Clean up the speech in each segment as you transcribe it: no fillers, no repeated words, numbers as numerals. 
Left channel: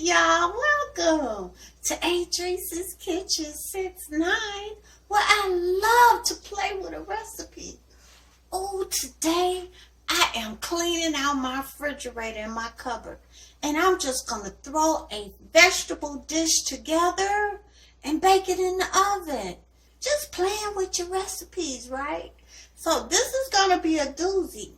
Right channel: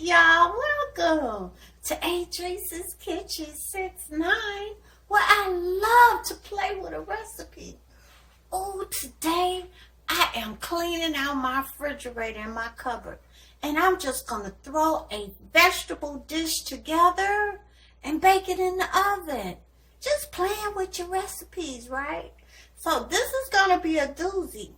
y'all, welcome to Adrice's Kitchen 69, where I love to play with a recipe. Oh, today I am cleaning out my refrigerator and my cupboard, and I'm just going to throw a vegetable dish together and bake it in the oven. Just playing with your recipes, right? So this is going to be a doozy.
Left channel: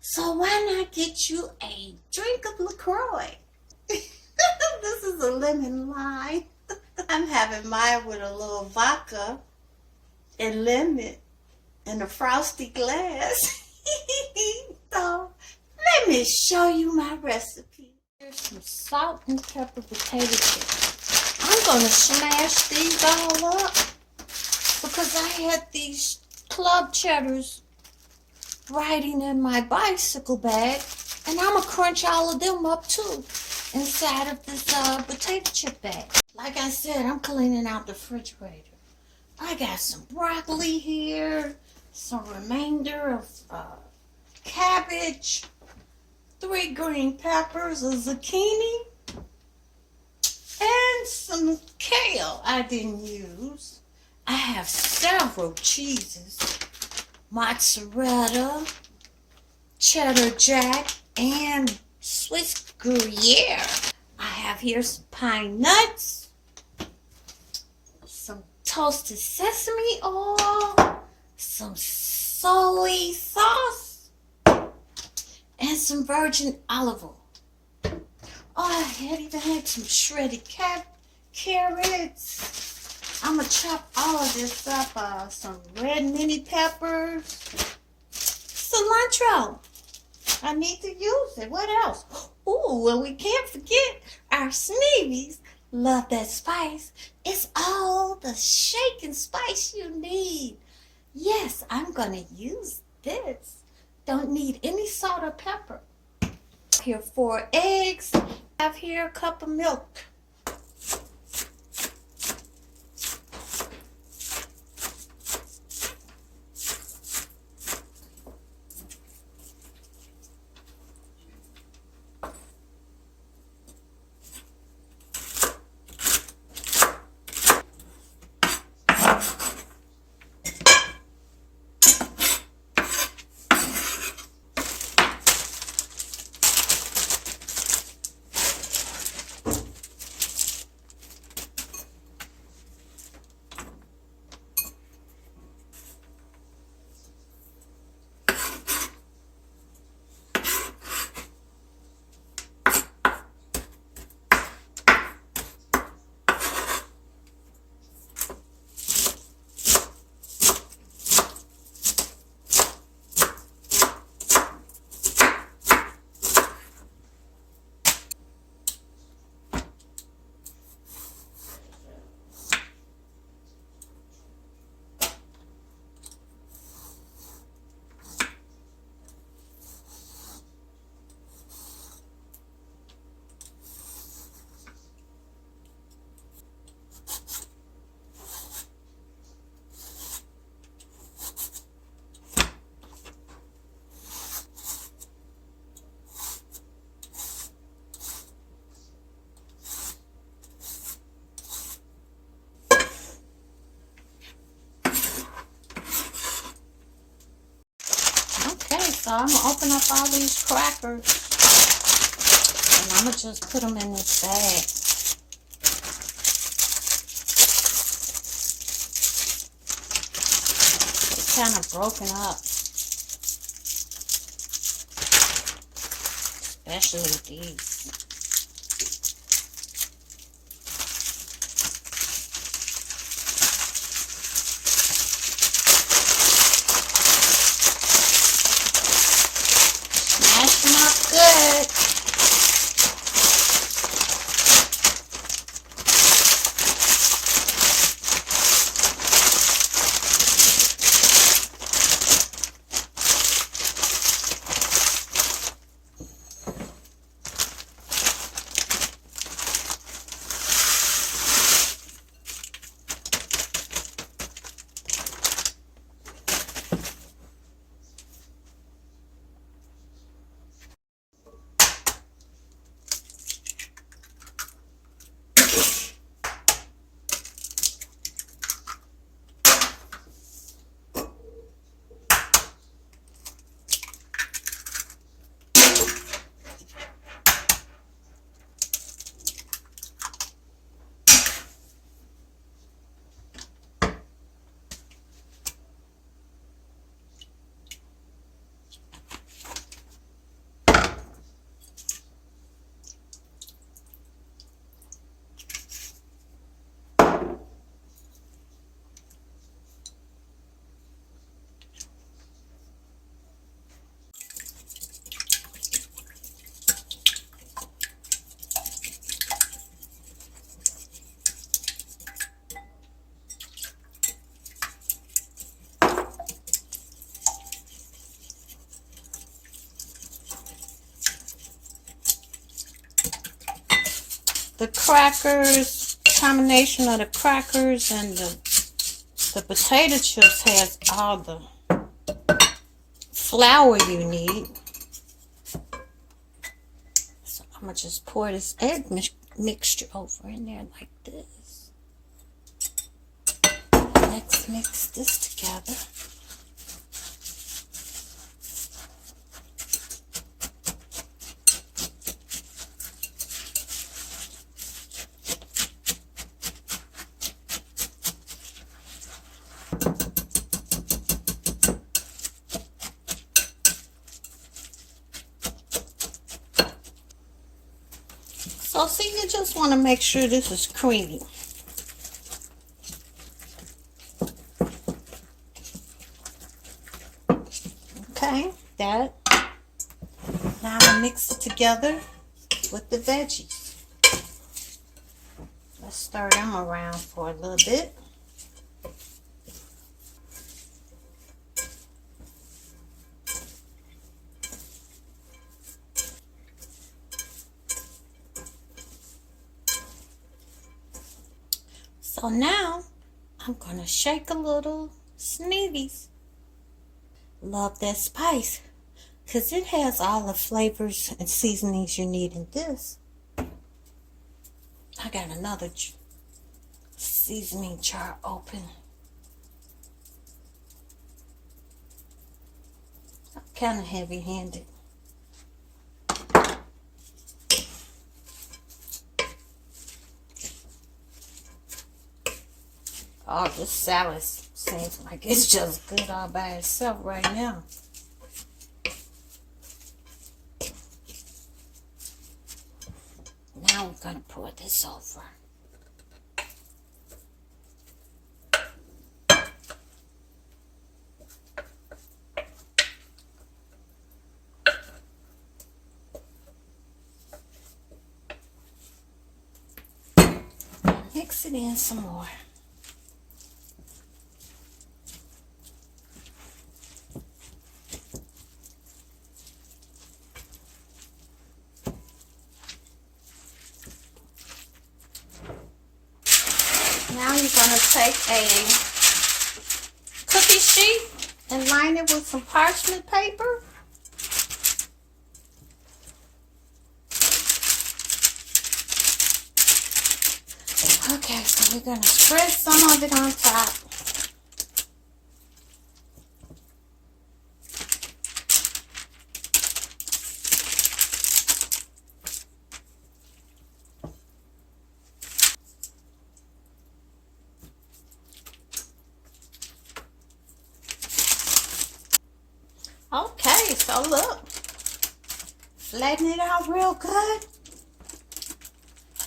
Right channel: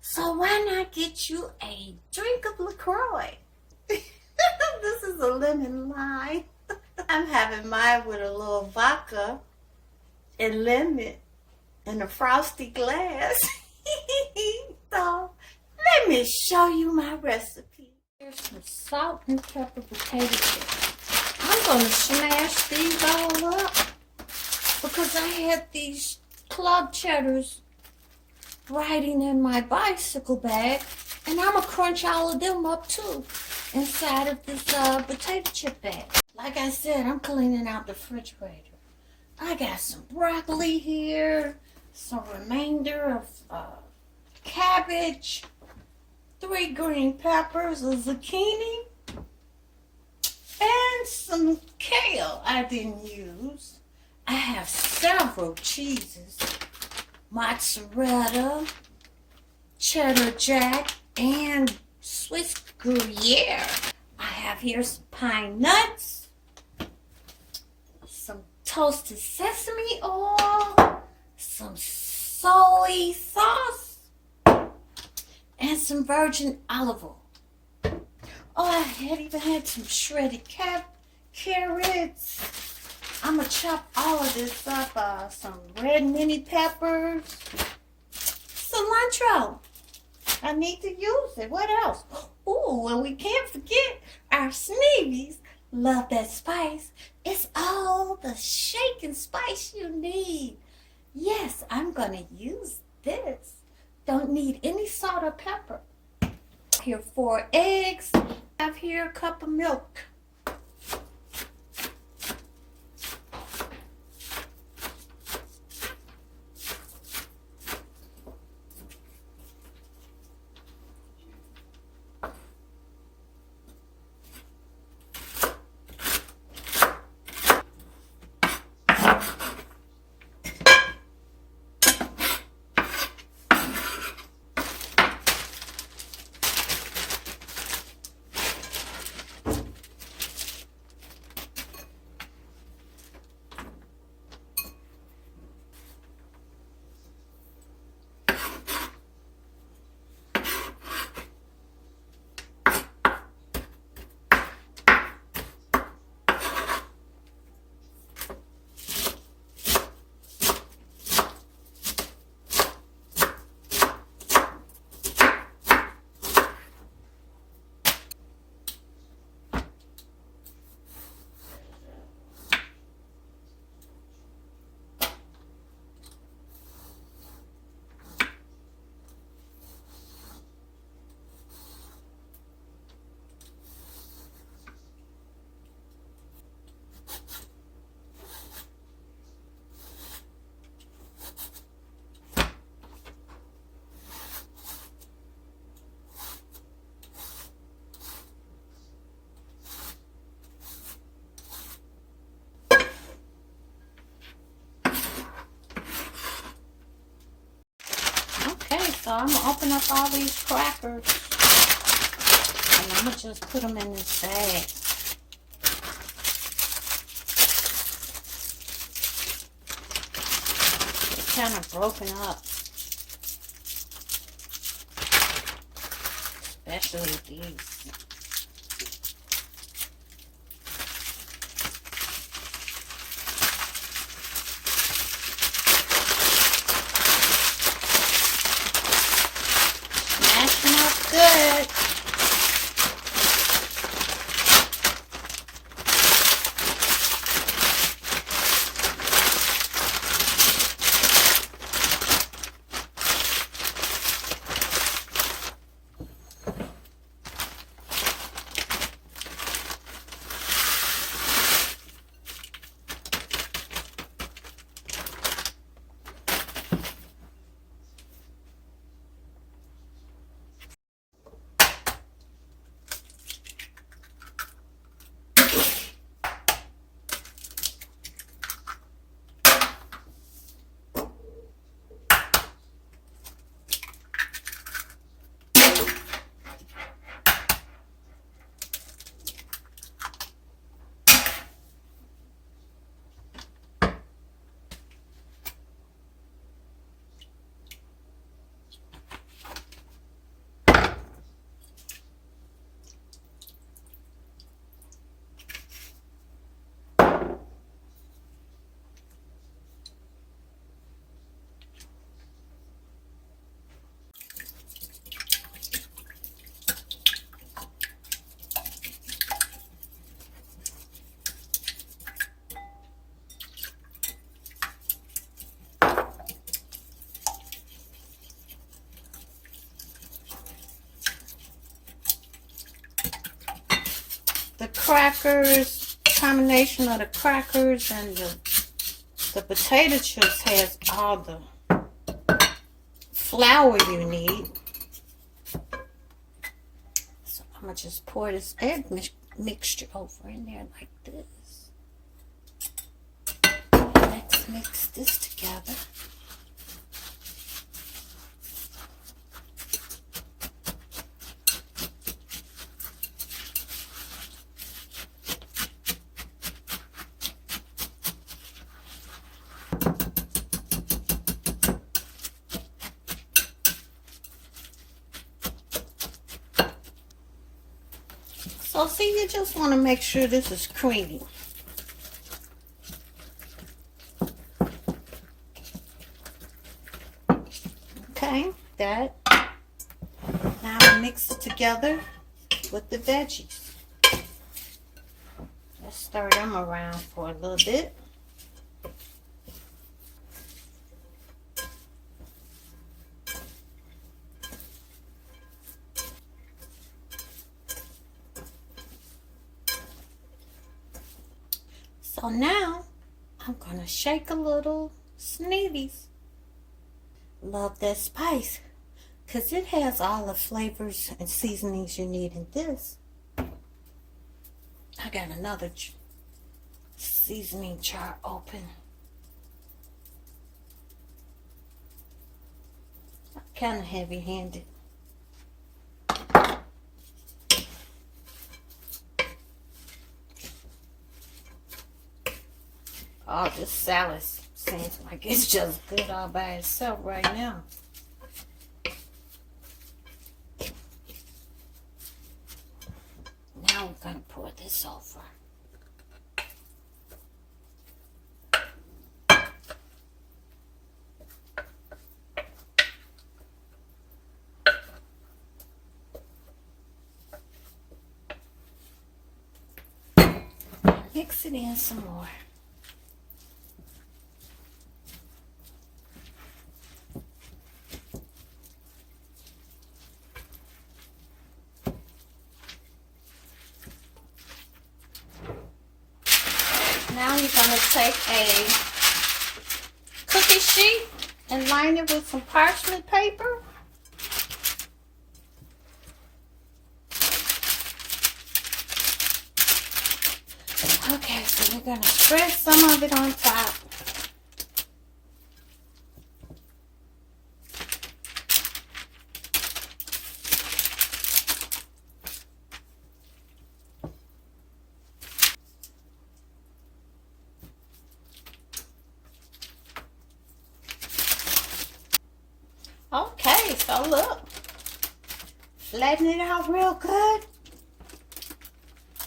So why not get you a drink of LaCroix? This is a lemon lime. I'm having mine with a little vodka and lemon in a frosty glass. So let me show you my recipe. Here's some salt and pepper potato chips. I'm going to smash these all up because I had these club cheddars riding in my bicycle bag, and I'm going to crunch all of them up too inside of this potato chip bag. Like I said, I'm cleaning out the refrigerator. I got some broccoli here, some remainder of cabbage, 3 green peppers, a zucchini, and some kale I didn't use. I have several cheeses, mozzarella, cheddar jack, and Swiss Gruyere. I have here some pine nuts, some toasted sesame oil, some soy sauce, and some virgin olive oil. Oh, I even had some shredded carrots. I'm going to chop all of this up. Some red mini peppers, cilantro. I need to use it. What else? Ooh, and we can't forget our Sneevy Love That Spice. It's all the shaking spice you need. Yes, I'm going to use this. Don't need any salt or pepper. Here 4 eggs. I have here a cup of milk. So I'm going to open up all these crackers, and I'm going to just put them in this bag. It's kind of broken up, especially with these. Not good. the crackers, combination of the crackers and the potato chips has all the flour you need. So I'm going to just pour this egg mixture over in there like this. Let's mix this together. So see, you just want to make sure this is creamy. Okay, that. Now we mix it together with the veggies. Let's stir them around for a little bit. So now I'm going to shake a little Sneevy Love That Spice, because it has all the flavors and seasonings you need in this. I got another seasoning jar open. I'm kind of heavy-handed. Oh, this salad seems like it's just good all by itself right now. Now we're going to pour this over. Mix it in some more. Now you're going to take a cookie sheet and line it with some parchment paper. Okay, so we're going to spread some of it on top. Okay, so look, flatten it out real good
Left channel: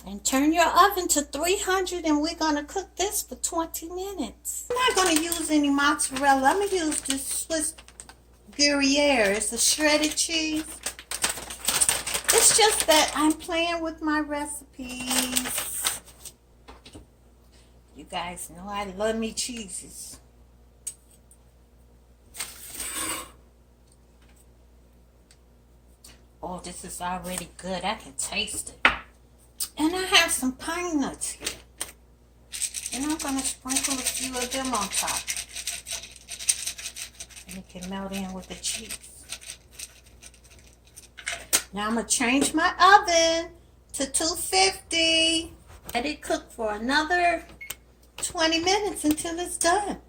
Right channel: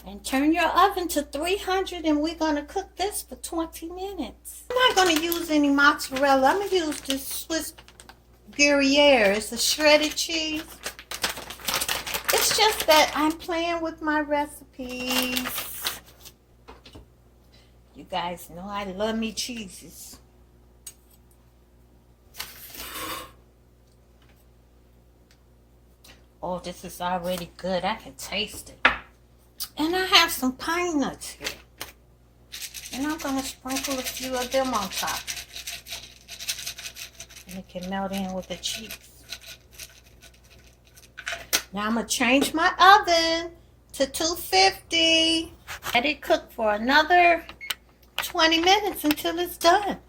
and turn your oven to 300, and we're going to cook this for 20 minutes. I'm not going to use any mozzarella. I'm going to use this Swiss Gruyere. It's a shredded cheese. It's just that I'm playing with my recipes. You guys know I love me cheeses. Oh, this is already good. I can taste it. And I have some pine nuts here. And I'm going to sprinkle a few of them on top. And it can melt in with the cheese. Now I'm going to change my oven to 250. Let it cook for another 20 minutes until it's done.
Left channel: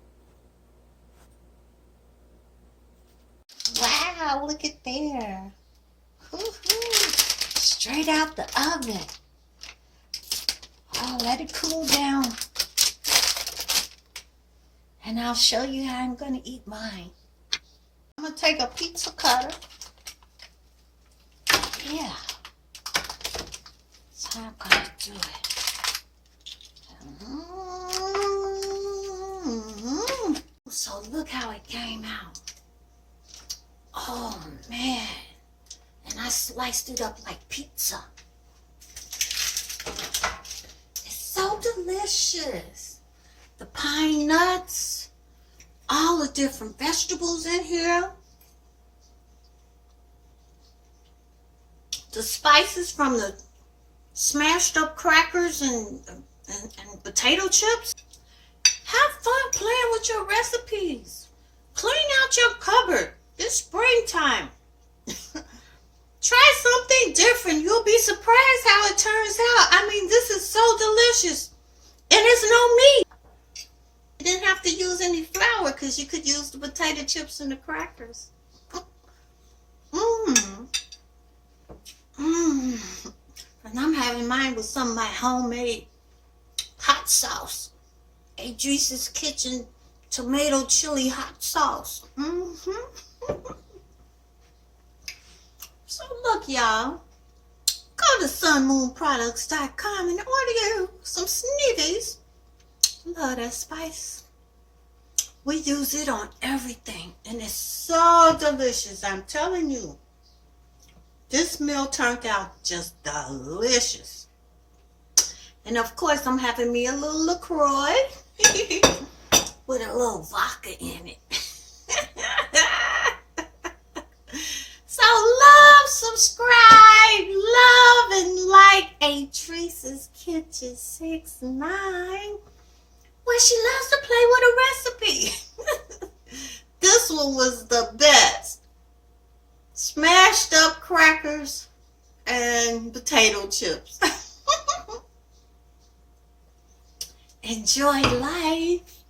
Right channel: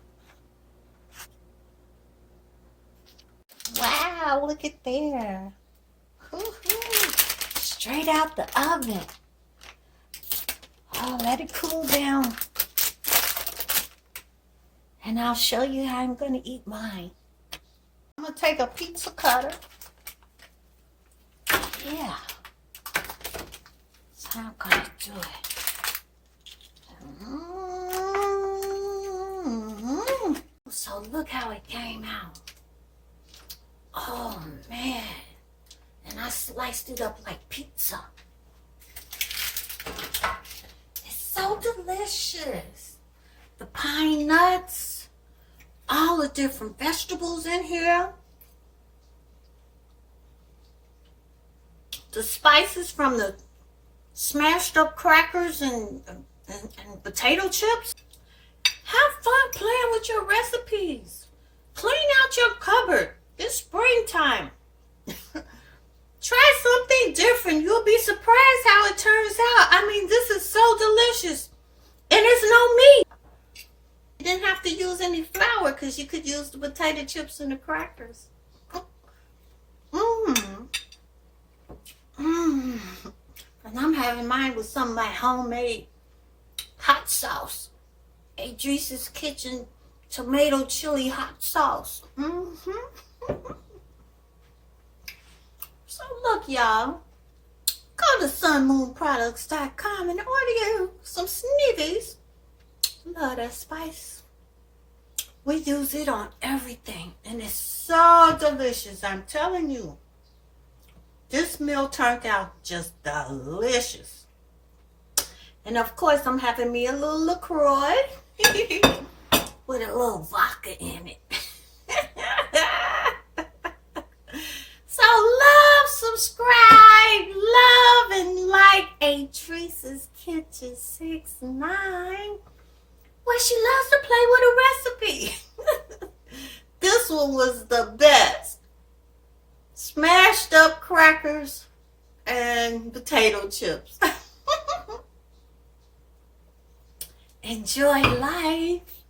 Wow, look at there. Straight out the oven. Oh, let it cool down. And I'll show you how I'm going to eat mine. I'm going to take a pizza cutter. Yeah. That's how I'm going to do it. So look how it came out. Oh, man. And I sliced it up like pizza. It's so delicious. The pine nuts, all the different vegetables in here. The spices from the smashed up crackers and potato chips. Have fun playing with your recipes. Clean out your cupboard. It's springtime. Try something different. You'll be surprised how it turns out. I mean, this is so delicious. And it's no meat. You didn't have to use any flour because you could use the potato chips and the crackers. Mmm. Mmm. And I'm having mine with some of my homemade hot sauce. Idris's Kitchen tomato chili hot sauce. So look, y'all. Go to sunmoonproducts.com and order you some Sneevy's Love That Spice. We use it on everything, and it's so delicious. I'm telling you. This meal turned out just delicious. And of course, I'm having me a little LaCroix with a little vodka in it. So love, subscribe, love, and like Idris's Kitchen 69. Well, she loves to play with a recipe. This one was the best. Smashed up crackers and potato chips. Enjoy life.